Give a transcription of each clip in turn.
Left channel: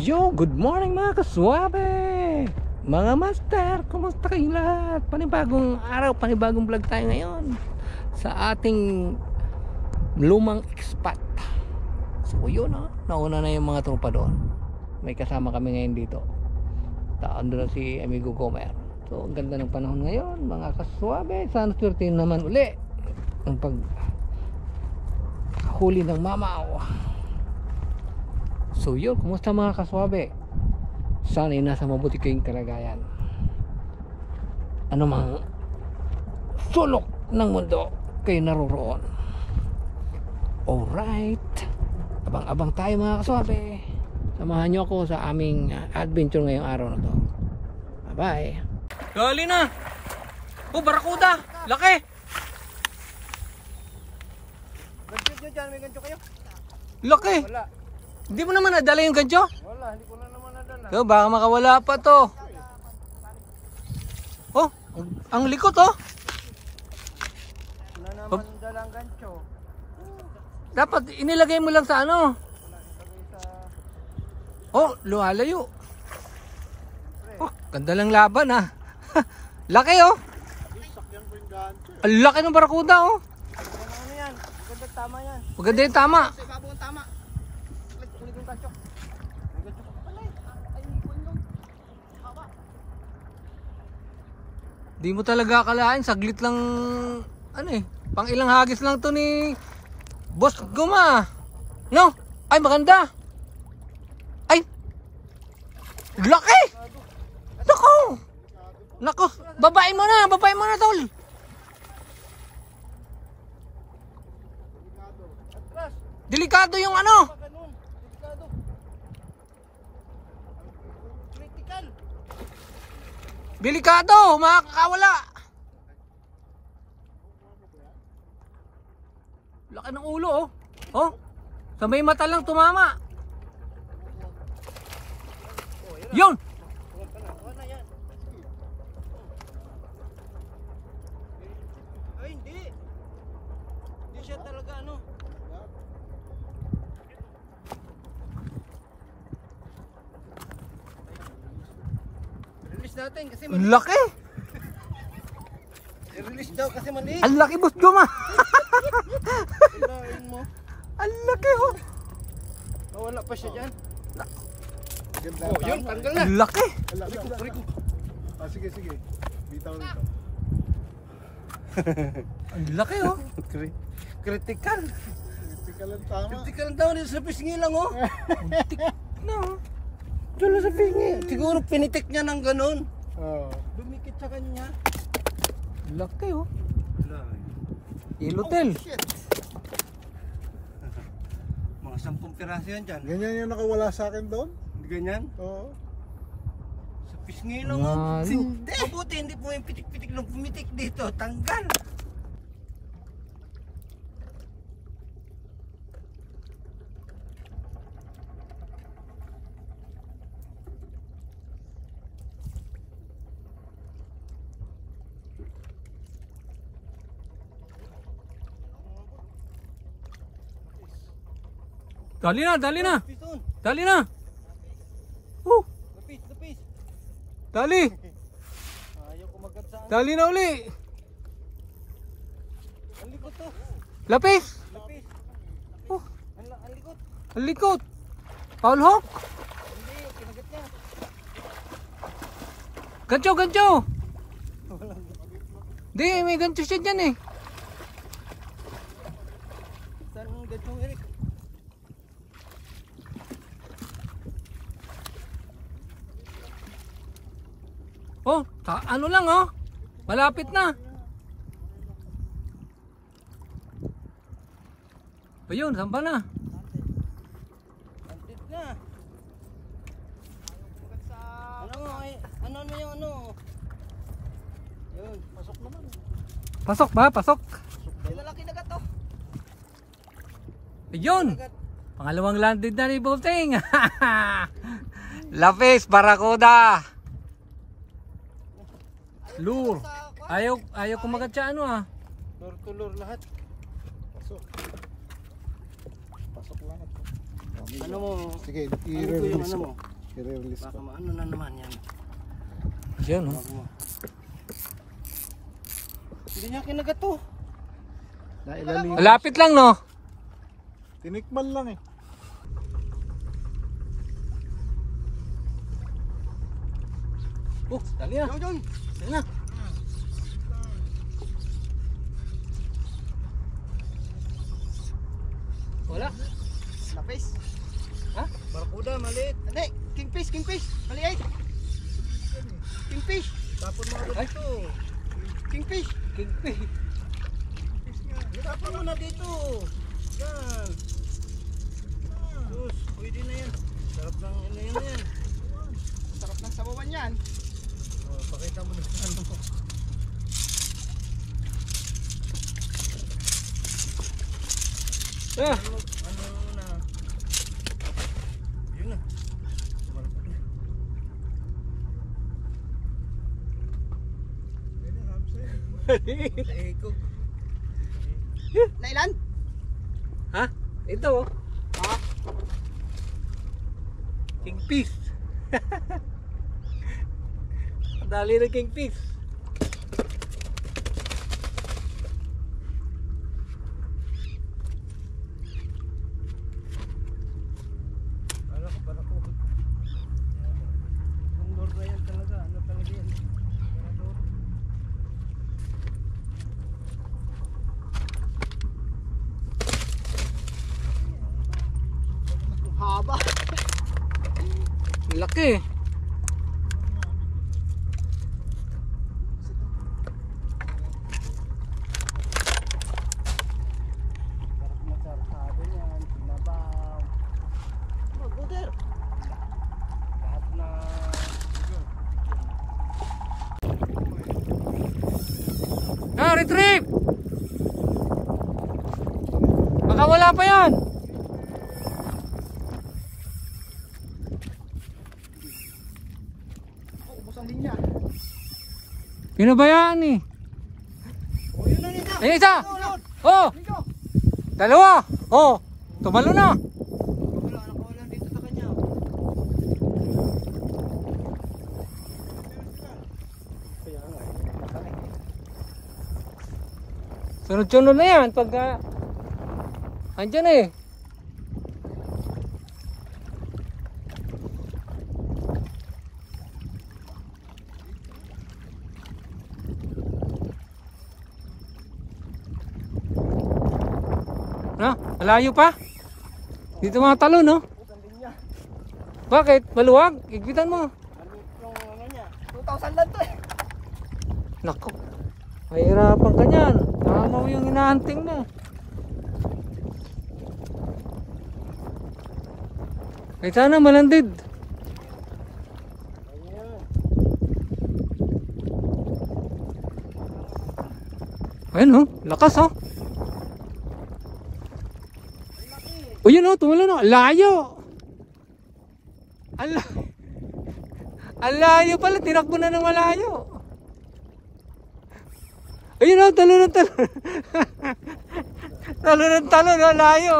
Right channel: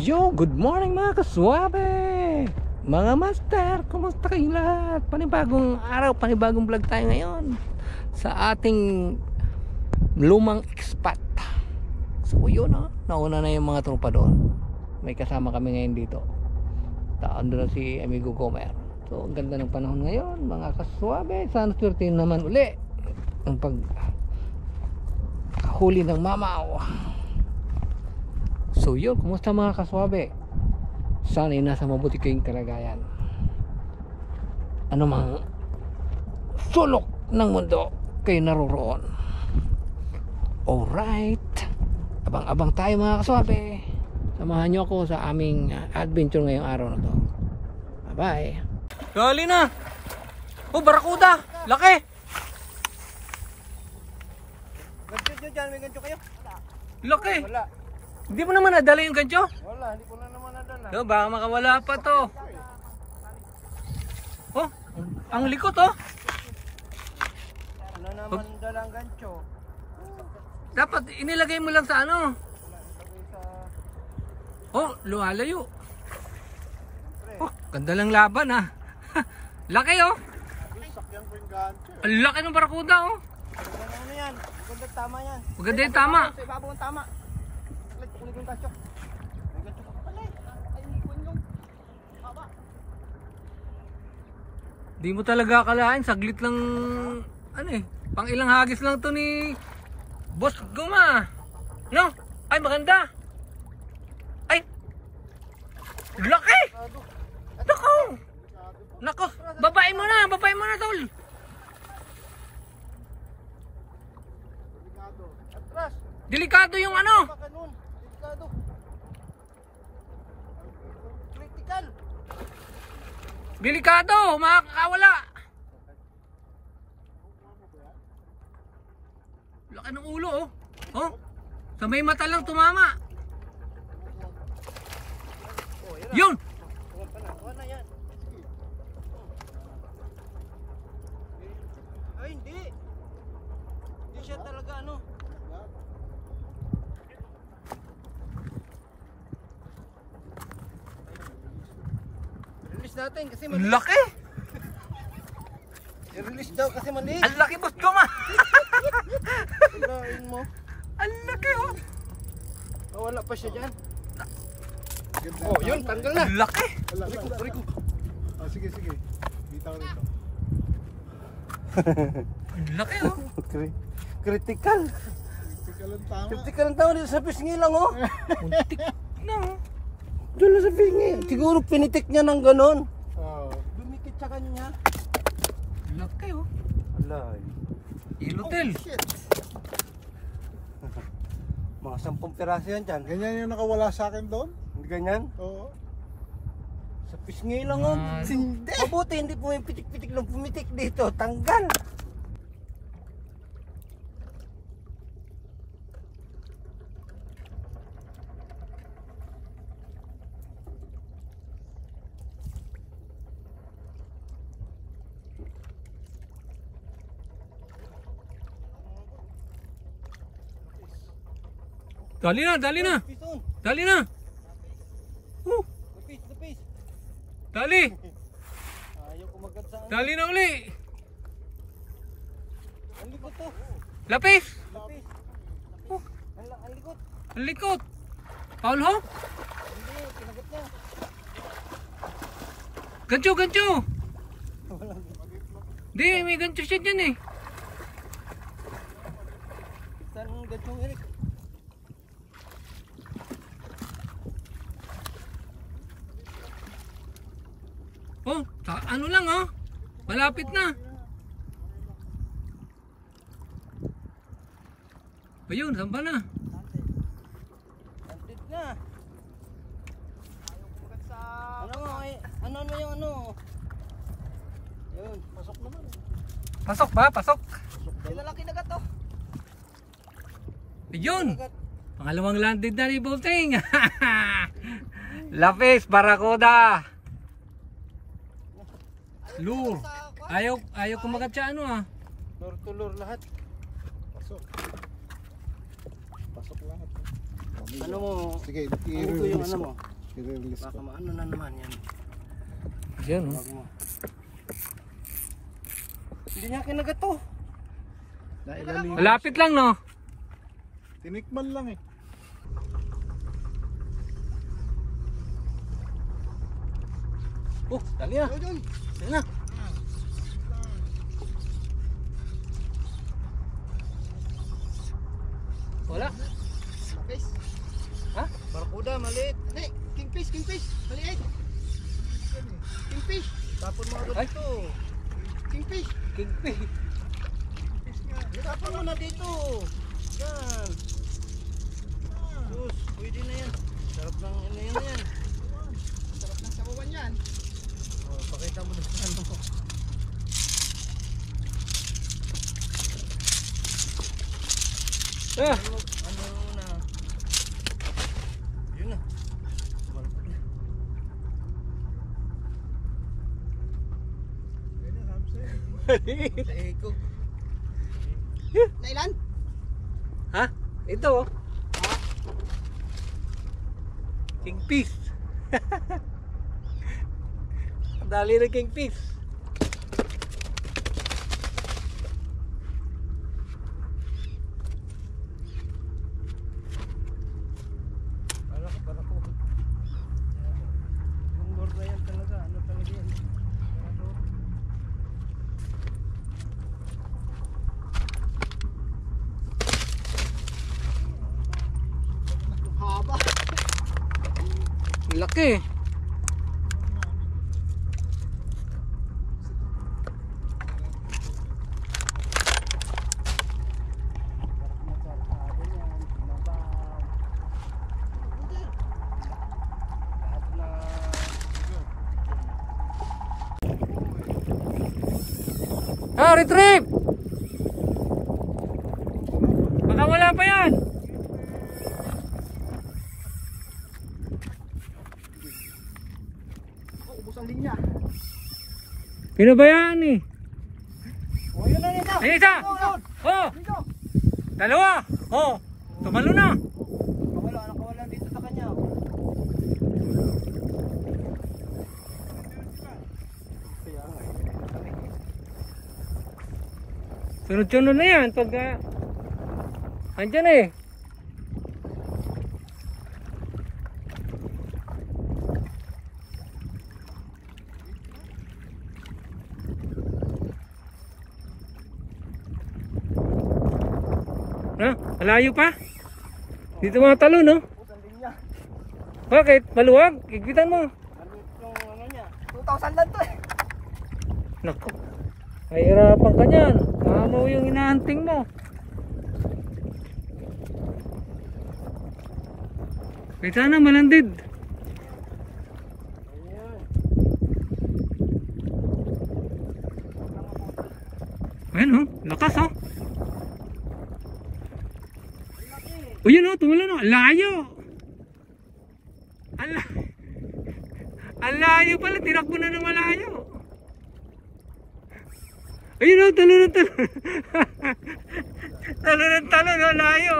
Yo, good morning mga kaswabe, mga master, kumusta kayong lahat? Panibagong araw, panibagong vlog tayo ngayon sa ating lumang expat. So yun nauna na yung mga tropa doon. May kasama kami ngayon dito. Taon doon si Amigo Gomer. So ang ganda ng panahon ngayon mga kaswabe. Sana swerte naman uli ang paghuli ng mamaw. So yun, kumusta mga kaswabe? Sana ay nasa mabuti kayong kalagayan. Ano mang sulok ng mundo kayo naroroon. Alright, abang-abang tayo mga kaswabe. Samahan nyo ako sa aming adventure ngayong araw na to. Bye bye. Gali na. Oh, barakuda, laki. Laki. Hindi mo naman nadala yung gancho? Wala, hindi ko na naman nadala. So, baka makawala pa to. Oh, ang likot oh. Wala naman dalang gancho. Dapat inilagay mo lang sa ano. Oh, lumalayo. Oh, ganda lang laban ah. Laki oh. Sakyan ko yung gancho. Ang laki ng barakuda oh. Ano yan? Maganda tama yan. Maganda yung tama. Sa ibabaw ang tama. Ulit yung gancho. Di mo talaga akalain, saglit lang ano eh, pang ilang hagis lang to ni Boss Guma. No? Ay maganda. Ay. Laki. Nako. Nako, babae mo na tol. Atras. Delikado yung ano. Ganun. Delikado. Critical. Delikado, makakawala. Laki ng ulo oh. Oh. Sa may mata lang tumama. Yun. Kuha na yan. Ay, hindi. Hindi siya talaga ano. Release natin kasi maliit. Laki. I-release daw kasi maliit. Ang laki Boss Guma. Kailangan mo. Ang laki oh. Nawala pa siya dyan. Oh, yun, tanggal na. Ang laki. Riko. Sige. Bitaw nito. Ang laki oh. Critical. Critical ang tama. Critical ang tao dito sa pisngi lang oh. Muntik na oh. Diyan na sa pisngi. Siguro pinitik niya ng ganon. Oh. Dumikit sa kanya. Laki oh. Wala Ilotel. Shit. Mga 10 piraso yan dyan. Ganyan yung nakawala sa akin doon? Hindi ganyan. Oo. Sa pisngi lang oh. Ano? Hindi. Mabuti hindi po yung pitik-pitik lang pumitik dito. Tanggal. Dali na. Pison. Dali na. Lapis. Dali. Ayaw kumagat sa ano. Dali na uli. Ang likot to. Lapis. Lapis. Ang likot. Ang likot. Paul ho? Hindi, kinagat yan. Gancho. Di, may gancho siya dyan eh. Saan ang gantong Eric? Oh, ano lang oh. Malapit na. Ayun, saan ba na? Antit na. Ano mo yung ano? Yun, pasok naman. Pasok ba? Pasok. Lalaki na gato. Ayun. Pangalawang landed na ni Bolting. Lapis, barakuda. Lure. Ayaw kumagat siya ano ah. Lure to lure lahat. Pasok. Pasok lahat. Ano mo? Sige, Ano ko yung i-release ano ko. mo? I-release Baka ko. maano na naman yan. Yan oh. Wag mo. Hindi niya kinagat to. Nailalim. Malapit lang no. Tinikman lang eh. Oh, dali na. Doon. Dali na. Wala. Lapis. Ha? Barracuda, maliit. Hindi, kingfish, kingfish. Maliit. Kingfish. Tapon mo agad Ay. dito. Kingfish. Kingfish. Tapon mo na dito. Yan. Sus, pwede na yan. Sarap ng ano yan. Sarap ng sabawan yan. Oh, pakita mo na sa ano mo. Ah, Ano na. Yun na. Barracuda. Sa eko. Nailan? ha? Ito oh. Kingfish. Dali na kingfish. Barracuda. Bundor na yan talaga. Ano talaga yan? Barracuda. Haba. Laki. Sarap na sarado yan. Pinabaw. Lahat na. Ah, retrieve. Baka wala pa yan. Ubus ang linya. Pinabayaan eh. O yun na nito. Ay, isa. Oh, Dito. dalawa. Oh, tumalo na. Nakawala dito sa kanya. Kaya nga. Sunod-sunod na yan pag andyan eh. No? Malayo pa? Dito mga talon no? Ubus ang linya. Bakit? Maluwag? Igpitan mo. Ano yung ano niya? 2,000 lang to eh. Nako. Mahirapan ka niyan. Tamaw yung inaanting mo. Kahit sana malandid. Ayan. Ayun oh, lakas oh. O yun oh, tumalo na. Layo. Ang layo pala, tinakbo na ng malayo. Ayun oh, talo ng talo. Talo ng talo, no? Layo.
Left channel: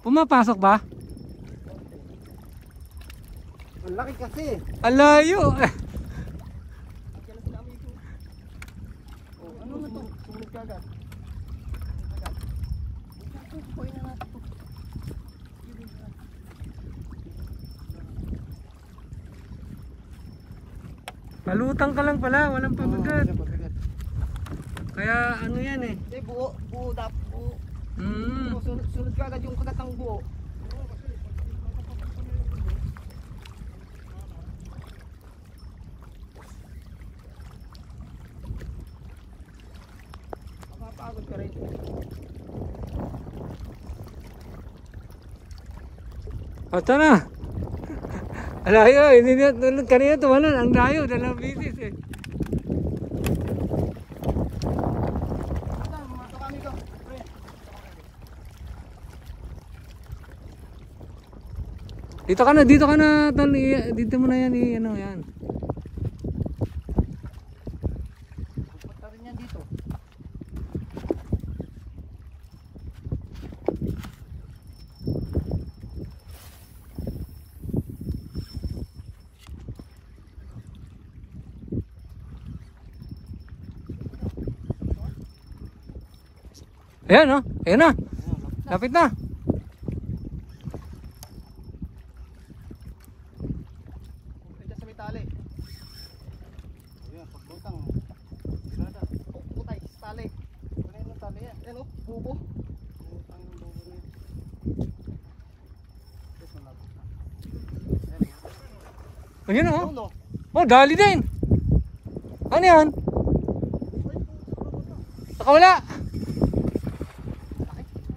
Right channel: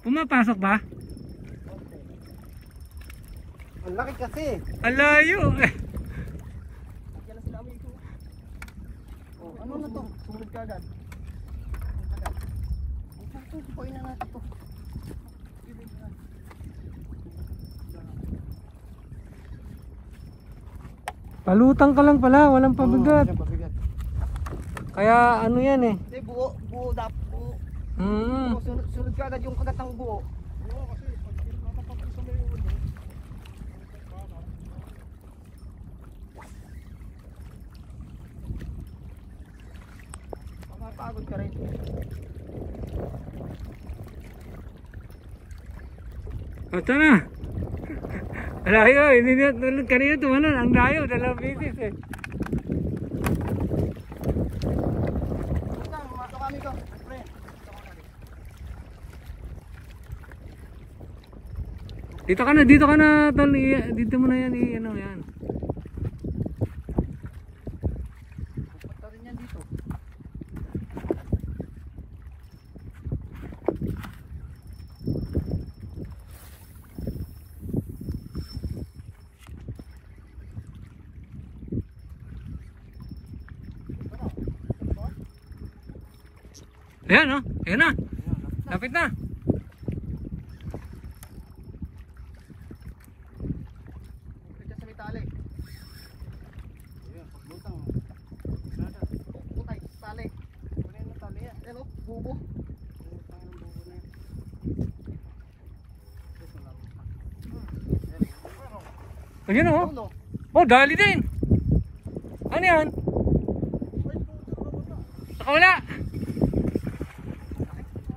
Pumapasok ba? Ang laki kasi. Ang layo. Diyan na sila amigo. Oh, ano na to? Sumunod ka agad. Pupuin na natin to. Palutang ka lang pala, walang pabigat. Kaya ano yan eh. Hindi, buo buo. Hmm. Sunod ka agad yung kagat ng buo. Mapapagod ka rin. Ito na. Ang layo, hindi na tulad kanina tumalon. Ang layo, 2 bisis eh. Mato kami ko. Pre. Dito ka na, tol. Dito mo na yan, ano yan. Pupunta rin yan dito. Ayan, oh. Ayan na. Lapit na. Diyan sa may tali. Ayan, paglutang. Putay, sa tali. Ayan ang tali yan. Ayan, oh, bubo. Putang yung bubo na yan. Tapos malapit na. Ayan, oh. Ulo. Oh, dali din. Ano yan? Nakawala.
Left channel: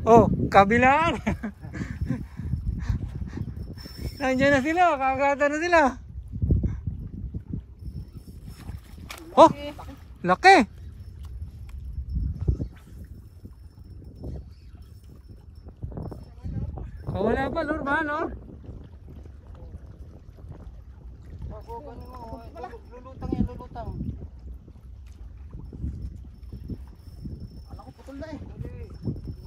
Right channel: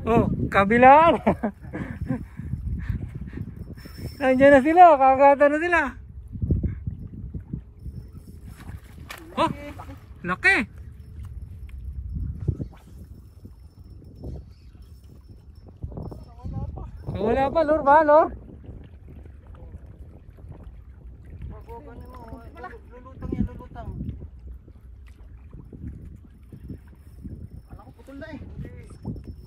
Oh, kabilaan. Nandiyan na sila, kakagata na sila. Oh, laki. Wala pa, Lord ba, Lord? Magogan mo. Lulutang yan, lulutang. Alam ko putol na eh.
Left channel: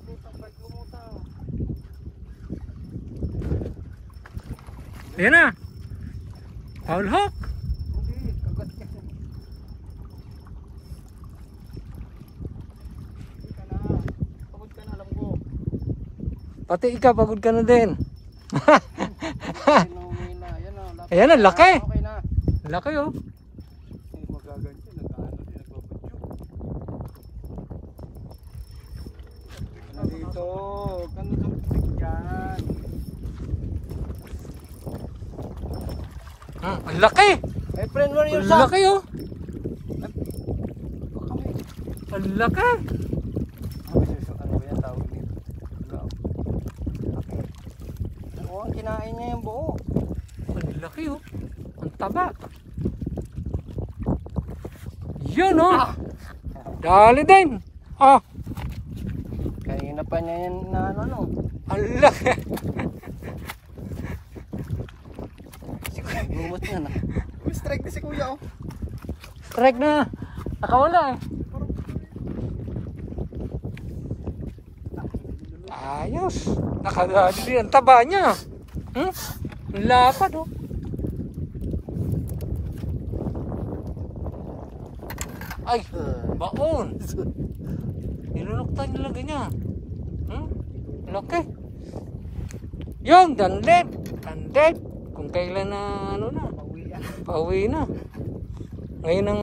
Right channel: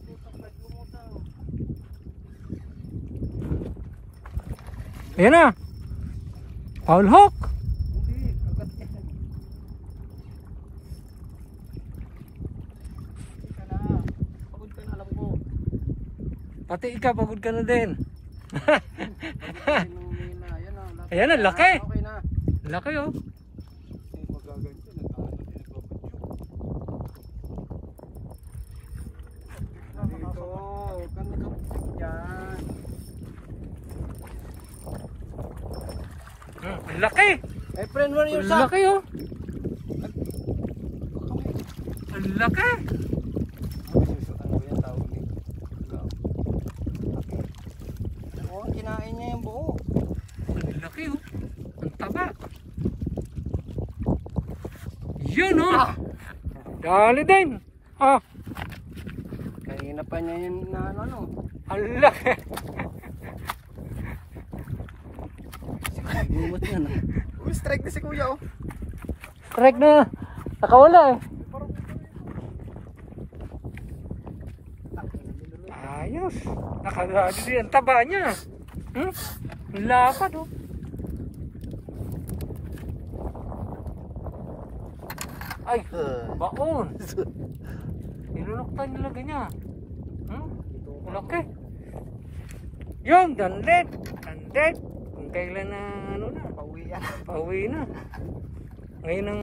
Lulutang, lumutang. Ayan na. Paul Hawk. Hindi, kagat ka siya. Hindi ka na. Pagod ka na, alam ko. Pati ikaw, pagod ka na din. Ayan Ayan na, laki. Okay na. Laki, oh. Magaganti, nagkaano din, nagbabadyo. Dito, ano dyan yan? Ah, ang laki. My friend, where Ang you laki, oh. Ang laki. Ano ba yan tawag nito? Oo, kinain niya yung buo. Ang laki, oh. Ang taba. Yun, oh. Dali din. Ah, Kanina pa niya yan na ano. ang laki. Lumot na na. Uy, strike na si kuya oh. Strike na. Nakawala, eh. Ayos. Nakadali din. Ang taba niya. Hmm? Ang lapad, oh. Ay, baon. Nilunoktan nila ganyan. Hmm? Laki. Yung, dandet. Dandet. Kung kailan na, ano na. Pauwi yan. Pauwi na. Ngayon ang